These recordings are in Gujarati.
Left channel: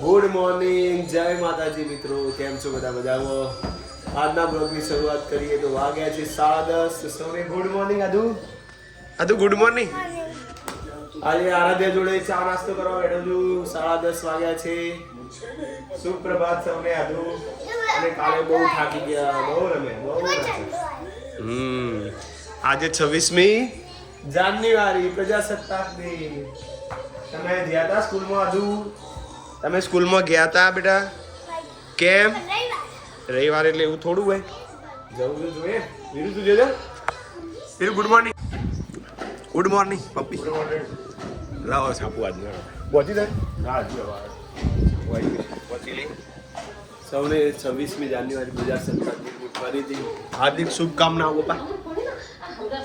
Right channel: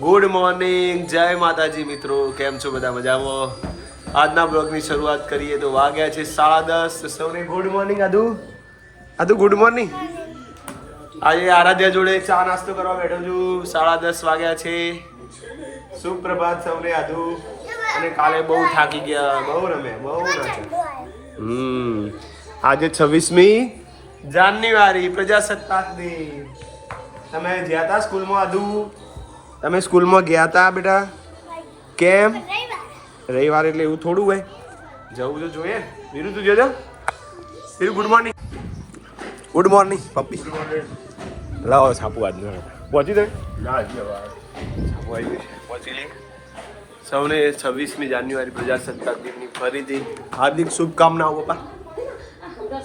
ગુડ મોર્નિંગ જય માતાજી મિત્રો. કેમ છો બધા મજામાં? આજના બ્લોગની શરૂઆત કરીએ તો વાગ્યા છે સાડા દસ. સૌને ગુડ મોર્નિંગ આદુ. આદુ ગુડ મોર્નિંગ આજે આરાધ્યા જોડે ચા નાસ્તો કરવા બેઠો છું. સાડા દસ વાગ્યા છે. સુપ્રભાત સૌને, આદુ. અને કાલે બહુ થાકી ગયા. બહુ રમે બહુ રમે. હમ. આજે છવ્વીસમી જાન્યુઆરી, પ્રજાસત્તાક દિન. તમે જ્યાં હતા સ્કૂલમાં, આદુ? તમે સ્કૂલમાં ગયા હતા બેટા? કેમ? રવિવાર એટલે એવું થોડું હોય. જવું તો જોઈએ. વીરુ તું જોજો. Veeru good morning good morning પપ્પી. લાવો સાપુ આજ પહોંચી દે ના. પહોંચી લે સૌને છવ્વીસમી જાન્યુઆરી પ્રજાસત્તાક દિનની ફરીથી હાર્દિક શુભકામનાઓ પપ્પા.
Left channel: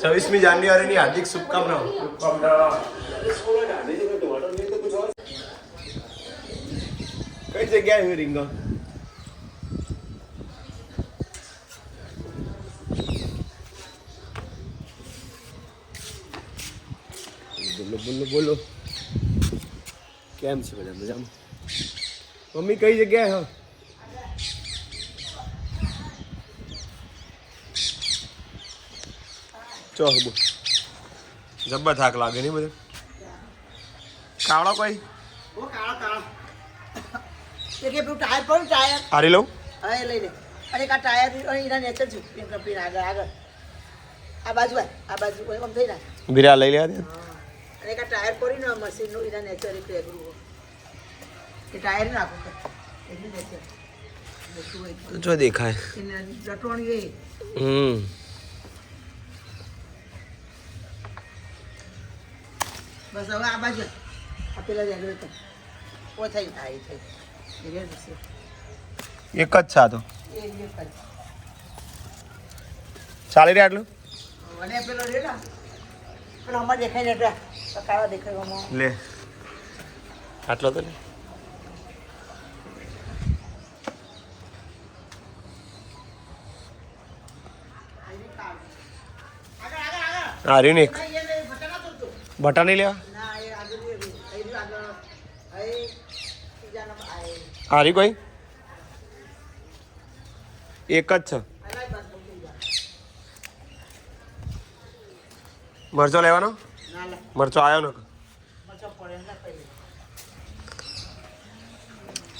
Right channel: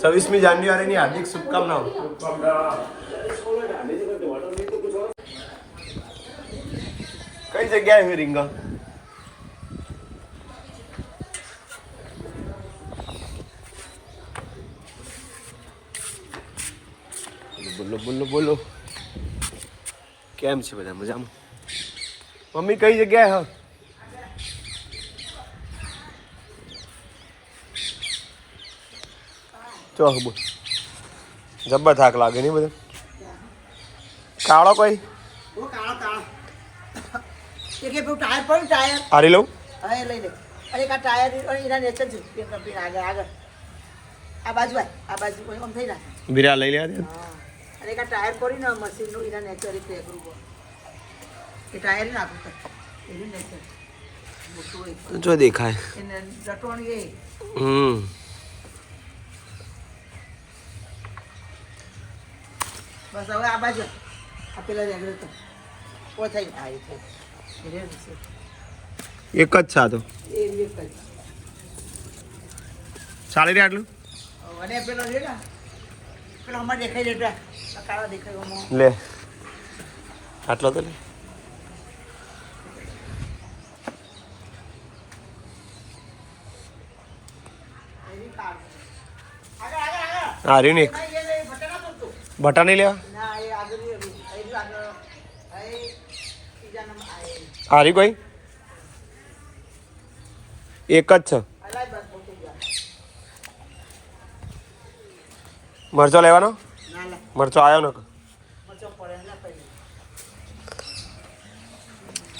છવ્વીસમી જાન્યુઆરીની હાર્દિક શુભકામનાઓ. કઈ જગ્યાએ હોય રીંગણ. બોલો બોલો બોલો. કેમ છે બધા મજામાં? મમ્મી કઈ જગ્યાએ હ? ચોક બોલ. જબ્બર થાક લાગે નહીં બધા? કાળો કોઈ? કાળો કાળો તે કે પેલું ટાયર પણ ટાયર? આરી લઉં? હવે લઈ લે. અરે કા ટાયર અને એના નેચર છે. આગળ આગળ. આ બાજુ આ બાજુ કોઈ આમ થઈ જાય. બીરા લઈ લેવા દે હા. અને કા ટાયર પડી ને મશીનનું એના નેચર રીતે એ ટાયર ને આપો એનું નીચે. મોટું હોય તો જો દેખાય. એ. હમ. બસ હવે આ બાજુ આ પેલા રેગ્યુલેટર. ઓ થઈ થાય છે એક જ જ ચાલી રહ્યા આટલું? લે. આટલો તો લે. હા રીને એક બટા નહીં લેવા? હારી કોઈ એક જ છે. મરચો લેવાનો? મરચો આવ્યો ન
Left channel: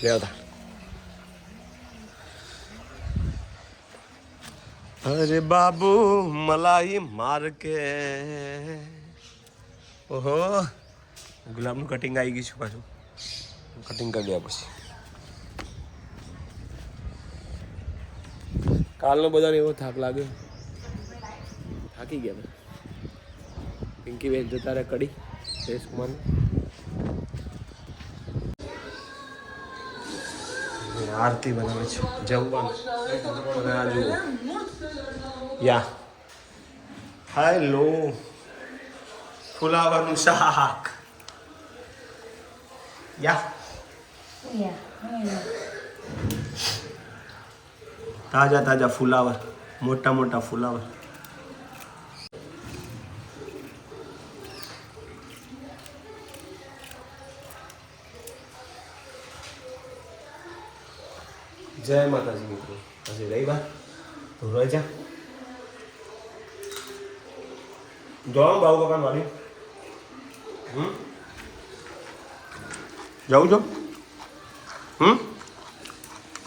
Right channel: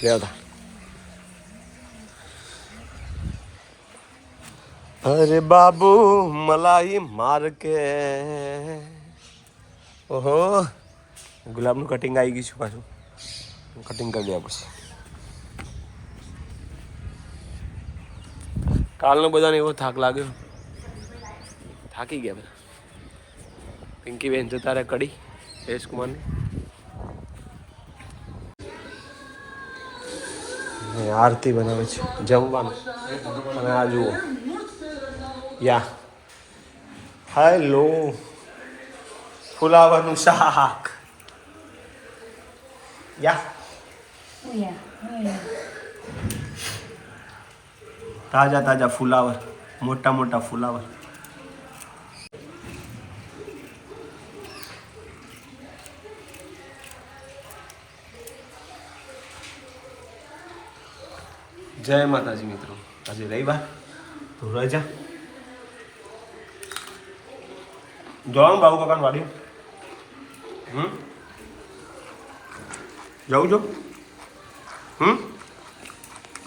લેવતા અરે બાબુ, મલાઈ માર કે. ઓહો. ગુલાબનું કટિંગ આવી ગયું છે પાછું. કટિંગ કરી દેવા પછી કાલનો બધાને એવો થાક લાગ્યો. થાકી ગયા બધા. પિંકી બેન જતા રહે કડી જયેશ કુમારની આરતી બનાવે છે. જમવાનું. અને આ જુઓ. યા. હેલો ફુલાવાનું શાક. યા. તાજા તાજા ફુલાવર, મોટા મોટા ફુલાવર. જય માતાજી મિત્રો. આજે રવિવાર રજા જવાનું બાબુ કાકાને વાડ્યું હમ? જાઉં છો. હમ?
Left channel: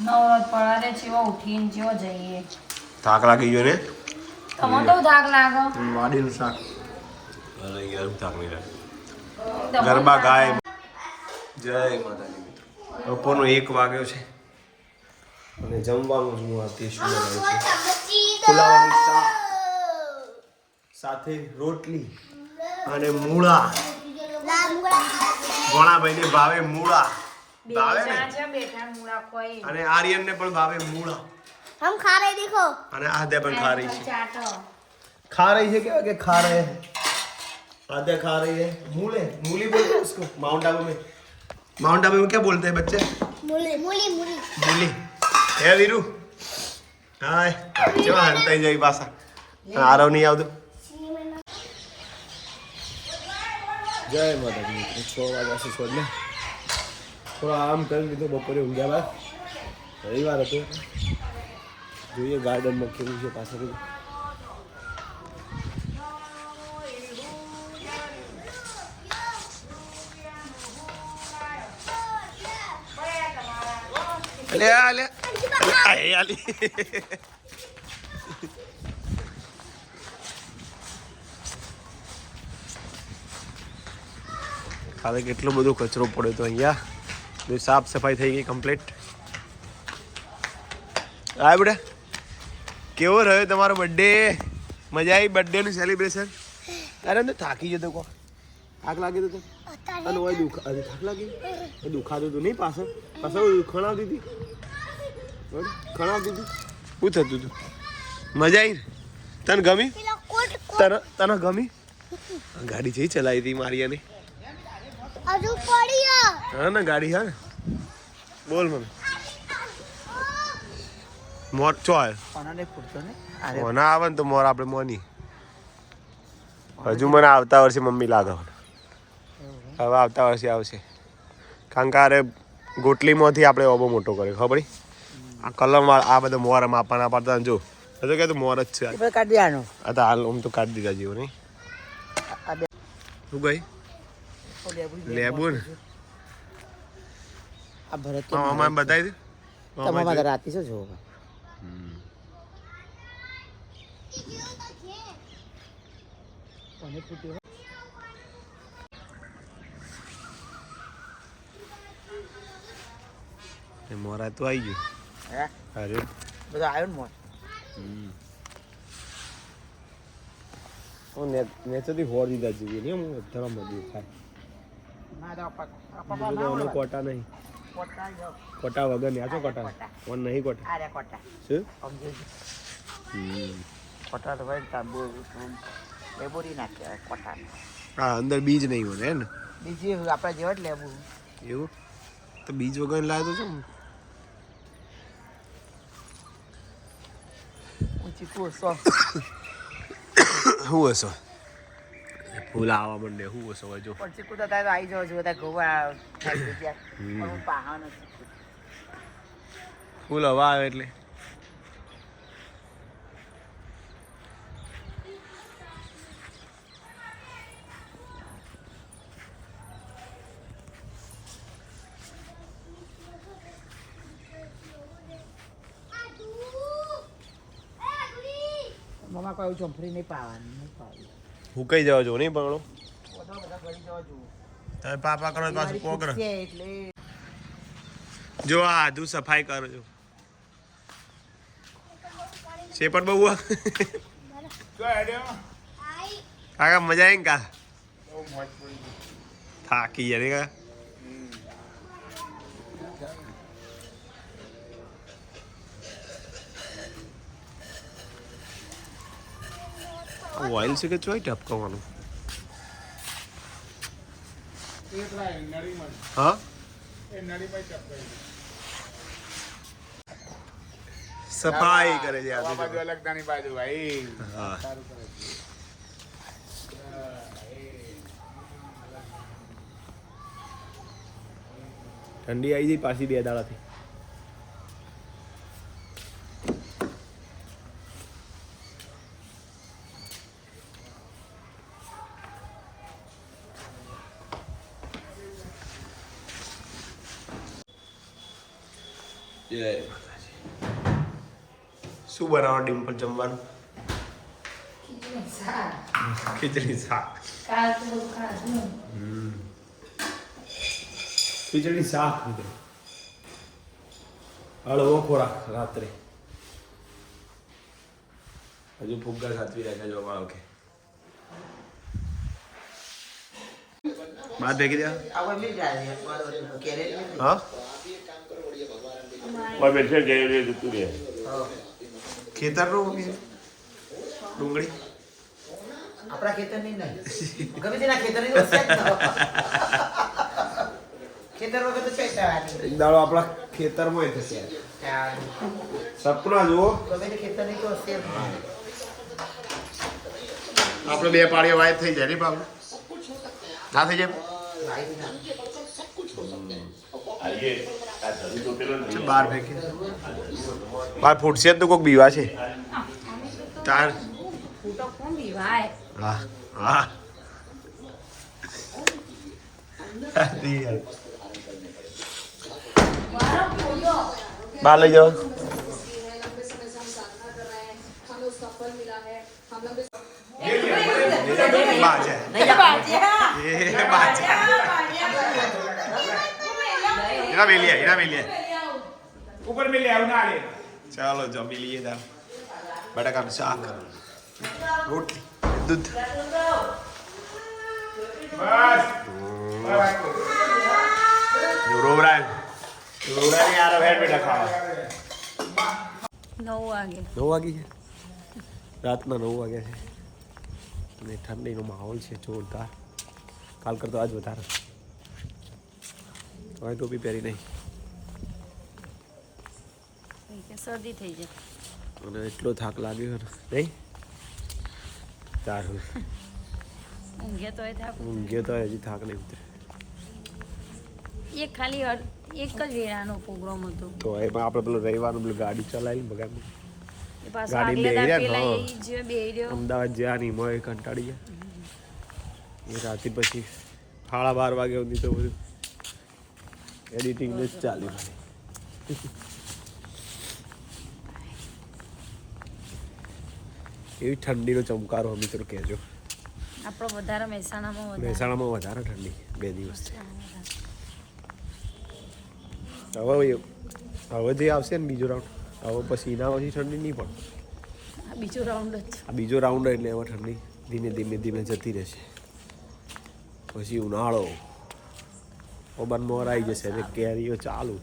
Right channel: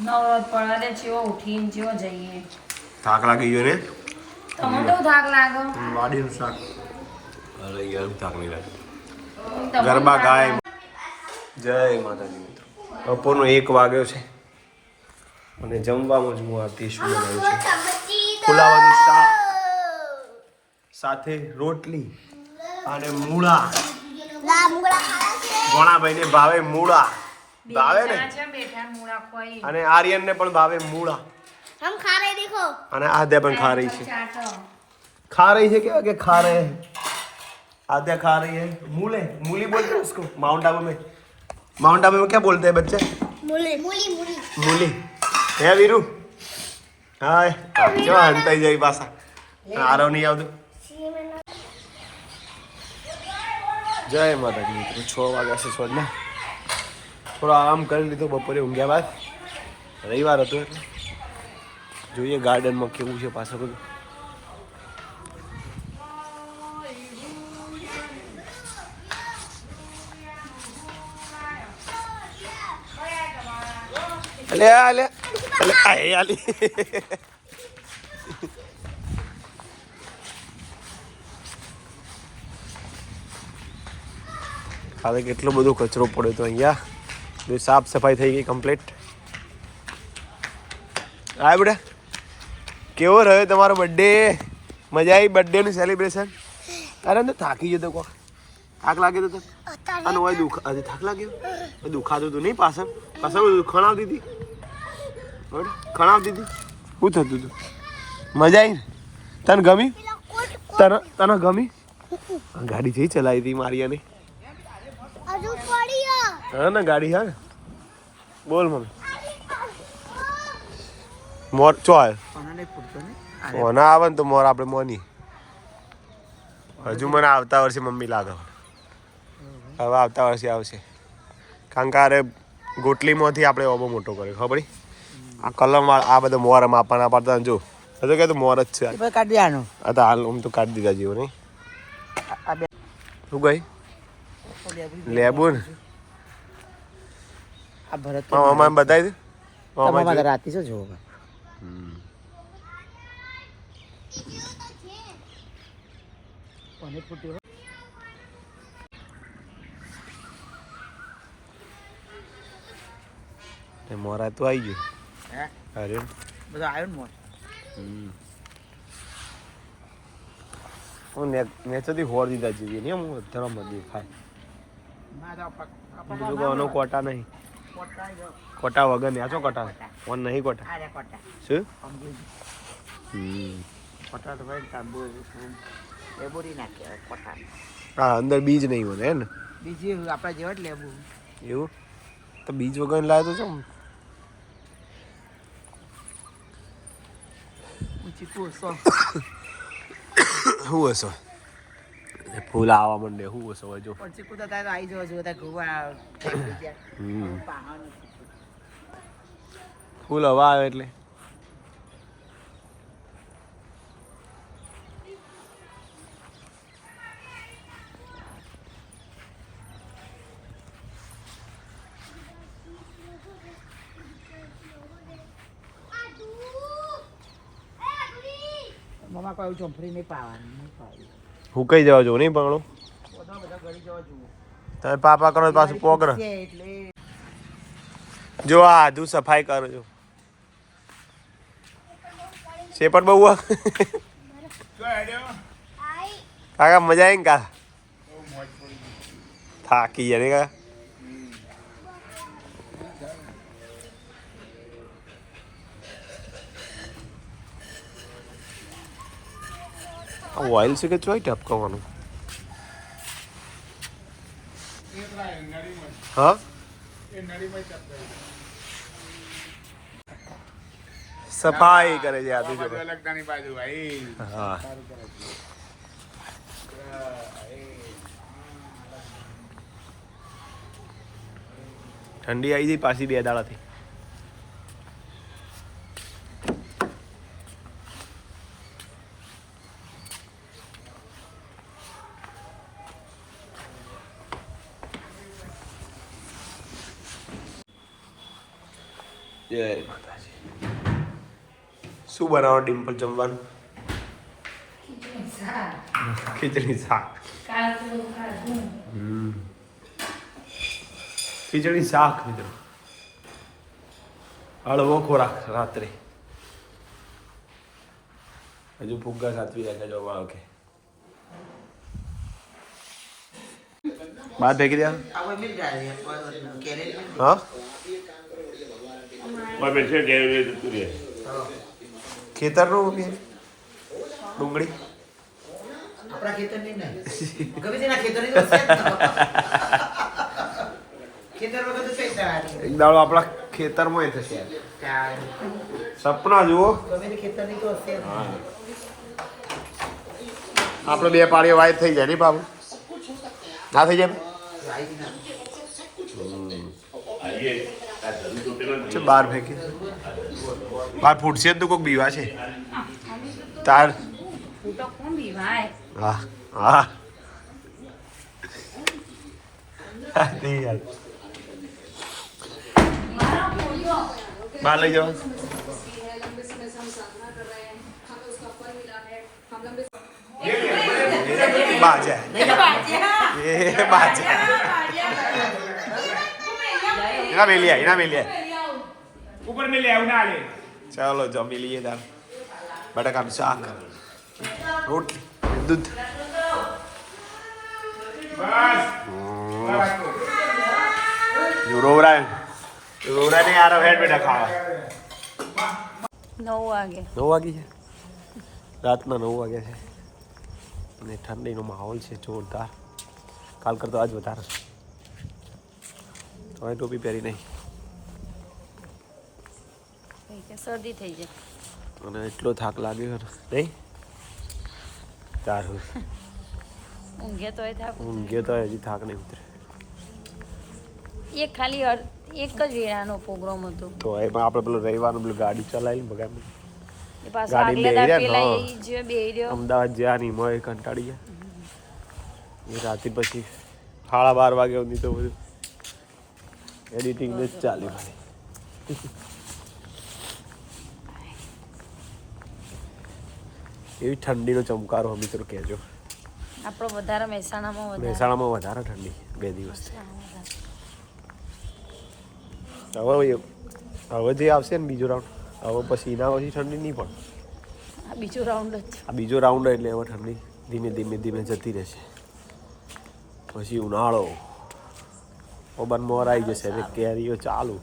નવરાત પડે ચેવો ઉઠીને ચેવો જઈએ. થાક લાગી ગયો ને તમને તો થાક લાગે વાડીનું શાક. અરે યાર થાક નહીં લાગે ગરબા ગાય. જય માતાજી મિત્રો. બપોરનો એક વાગ્યો છે. અને જમવામાં જ હું આ તે શું બનાવ્યું છું ફુલાવાનું શાક. સાથે રોટલી અને મૂળા. ઘણાભાઈને ભાવે મૂળા. ભાવે ને જણા છે બેઠા મૂળા ખોઈ અને આર્યનને પણ ભાવે મૂળા हम खा रहे देखो અને આદ્યા પણ ખા રહી છે ચાટો खा रही है क्या कि खा रहे हैं आद्या खा रही है मूले मूली बोलते हैं उसको माउंट आबू में माउंट आबू में क्या बोलते हैं बच्चे मूली मूली मूली મૂલી હે વીરુ હાય કેવા હંતાઈ જાય પાછા આરવ નહીં આવતું જય માતાજી મિત્રો છ વાગ્યા છે છોડ ને થોડો આરામ કરી લીધો, બપોરે ઊંઘ્યા બાદ. રવિવાર હતો જોઈએ ગાર્ડનમાં કેવું છે પાછળ બધું. અલે અલે કાલે કેટલો બધો કચરો પડ્યો તો અહીંયા. બધી સાફ સફાઈ થઈ ગઈ કમ્પ્લીટ હા બેટા કેવો રહ્યો તમારો બર્થડે મજા આવી બર્થડેનું સેલિબ્રેશન અરે તો થાકી જતો કો થાક લાગે તો અને હોય દુખ અરે થાક લાગ્યો? દુખાતું હતું નહીં પાછળ? પાછળ ખણાવતી હતી? ખણાવતી હતી? શું થતું હતું મજા આવી તને ગમી? તને તને ગમી? ગાડી જે ચલાવી હતી મારી પડ્યો હા ને ગાડી હા બોલ મને. મોર ચોલ. આવ્યો કોનાને પૂરતો ને મોના આવે ને તો મોર આપણે મોની. હજુ મને આવતા વર્ષે મમ્મી લાગે હવે આવતા વર્ષે આવશે. કારણ કે અરે ગોટલીમાંથી આપણે ઓબો મોટો કર્યો ખબર આ કલમ આ બધો મોર માપાના પડતા જો. હજુ કે તો મોર જ છે કાઢી આનું. આ તો હાલ હું તો કાઢી દીધા જેવું નહીં. શું ગઈ લેબુ ને? આ ભરત મામા બતાવી દે? મામા અમારે રાતી છે જો મોરા તો આવી ગયું. અરે. બધા આવ્યો ને મોર? હું નેચરથી હોર દીધા જેવી નહીં હું ધરમ દેખાય તો બીજું કોનો કોટા નહીં. કોટા વગર ને નેચો કોટા? ફોન નહીં કોટા? કોટા. શું? કોટા તો ભાઈ તાંબુ લેબુરી કોટા હા અંદર બીજ નહીં હોય હે ને? બીજી આપણા જેવા જ લેબુ. એવું? તો બીજ વગર લાવ્યો તો ઊંચી શું હશો ફૂલ આવવા માંડે શું હોય જો. પછી કુદા થાય તો આવી જાય જો બધા ગોવા. ફૂલ હવા આવે એટલે. મમા કોઈ એવું ચોંફરી નહીં પાવાની નહીં પાવી. હું જવા જોવું નહીં પકડો. બધા બધા ગળી જવા જુઓ તમે પાપા કરો તો પાછું પોકર. જો આ આધુ સફાઈ કરો છો. પણ બહુ આ? કાકા મજા આવી ને કા થાકી જાય ને કાકા ઓઇલ છે કે ચોઈ ટપકવાનું હા સફાઈ કરે છે આજે જો હા ઠંડી આવી ગઈ પાછી બે દાડાથી જય માતાજી શું બનાવો ડિમ્પલ જમવાનું? ખીચડી શાક. ખીચડી શાક. મિત્રો. હળવો ખોરાક રાત્રે. હજુ ફુગ્ગા સાચવી રાખ્યા જો મારો કે બાદ ભેગી દે. આવો હા હા. ખેતરનું કે ડુંગળી? આપણા ખેતર નહીં. ને ગમે તેના ખેતર નહીં ને. ખેતર વગર તો કઈ એક દાડો આપણા ખેતરમાં એ થશે સપના જુઓ. ગમે ખેતર નહીં તો હશે આપણે બે પાણીઓ વાય થઈ જાય નહીં બાબુ ના થઈ જાય બાર ફેંકે. બહાર ફૂટશે તો કોઈક બીવા છે. તાર. હા હા. બહાર લઈ જાઓ બાજા. એ બાજા. એના મેલી આય એના મેલી આય ઉપર મેલી આવ ના લે ચાલો જમી લઈએ દાળ બટાકાનું શાક રોટલી દૂધ બસ રોવરા રોવરા ને આરો હેડ બેટા ખાવા નવ વાગે નવ વાગે છે રાતના નવ વાગે છે અને ઠંડીનો માહોલ છે જોરદાર કાલ કરતો આજ વધારે હવે ટોપી પહેરી નહીં શરદી થઈ જાય અને એટલો થાક લાગ્યો નહીં? તારું ઊંઘે તો થાક ઊંઘે તો હજી થાક નહીં ઉતરે. એક ખાલી એક જ વેરાનો પ્રોગ્રામ હતો. તો એમાં આપણે પેલું રવિવારનો પેલું ગાડી ચલાવી બગાડી ગાડી બે રહ્યો અમદાવાદ જ્યાં નહીં મળે કંટાળી ગયા. એ રાતે પછી સાડા બાર વાગે સુધી તો બધું એડિટિંગ જ ચાલી. એવી ઠંડીનો ચમકારો તો કહેજો. આપણો વધારે મહેસાણામાં વધારે. મહેસાણામાં વધારે ઠંડી બે દિવસ. હવે હવે જે આવશે ને બીજો રાઉન્ડ હવે પછી એના પછી ઠંડી નહીં પણ. આ બીજો રાઉન્ડ જ. આ બીજો રાઉન્ડ એટલે હવે ઠંડી ધીમે ધીમે ધીમે જતી રહેશે. પછી ઉનાળો. ઓબન મોર આવી જશે એટલે કેરીઓ ચાલુ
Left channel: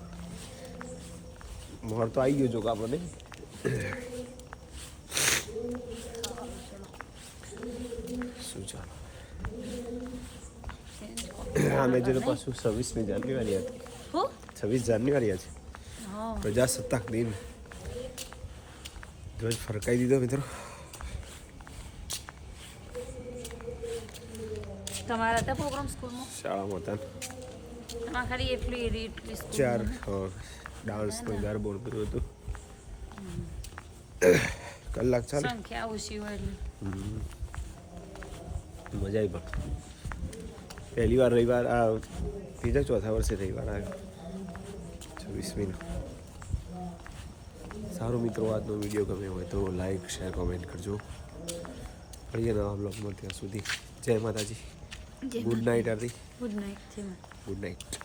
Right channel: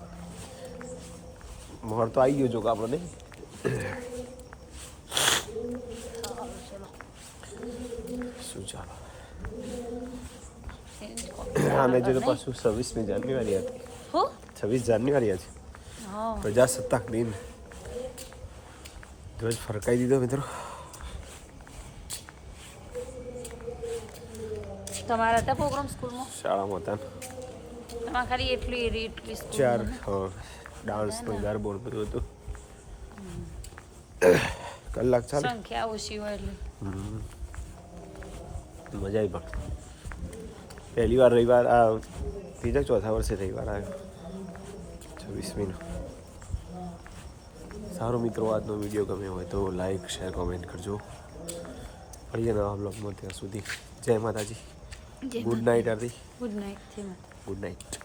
મોર તો આવી ગયો જો કે આપણે નહીં શું ચાલો આમે જો તો પાછું છવ્વીસમી જાન્યુઆરી હતી હું છવ્વીસ જાન્યુઆરી હતી હા પ્રજાસત્તાક દિન ધ્વજ ફરકાઈ દીધો મિત્રો તમારા હતા પ્રોગ્રામ સ્કૂલમાં શાળામાં હતા ને. તમારે ખાલી એટલી એરી એટલી ચાર સ્કૂલ હા ડાન્સનો ગરબો ને બધું હતું કલાક ચાલે સંખ્યા ઓછી હોય એટલે મજા આવી પણ પહેલી વાર રવિવાર આ ત્રીજા ચોથા વર્ષે રવિવાર આવ્યો છવ્વીસમીનો સારો મિત્રો આજનો વીડિયો ગમે હોય તો લાઈક શેર કોમેન્ટ કરજો મળીએ નવા બ્લોગમાં ત્યાં સુધી જય માતાજી good night Aarti good night છે ગુડ નાઇટ